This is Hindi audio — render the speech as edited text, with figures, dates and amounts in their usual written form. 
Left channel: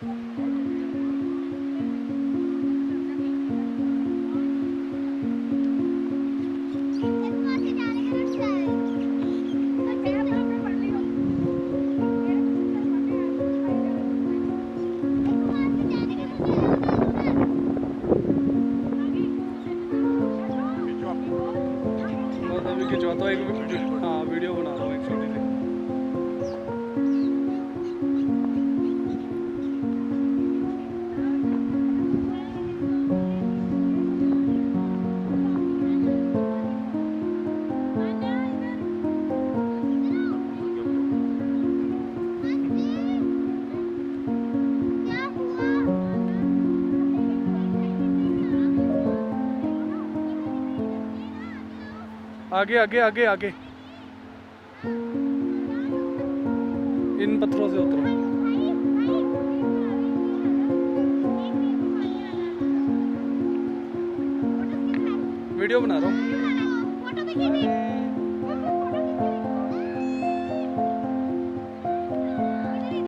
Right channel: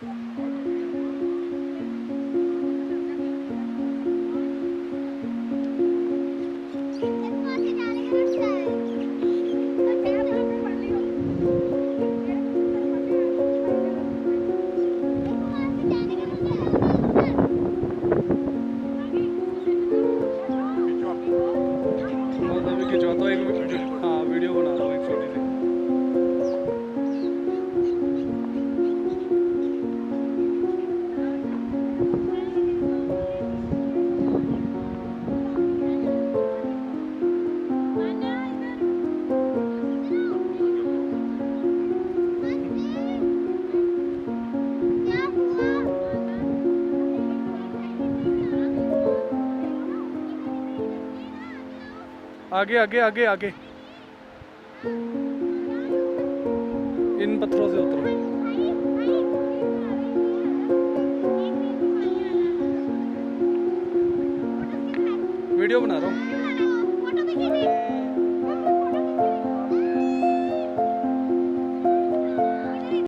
खिंचवाता हूँ एक, हाँ वीडियो बना रहा हूँ एक छोटी सी। आगे आगे आगे आगे, इन पत्थरों से उतरो। वीडियो बना रहा हूँ।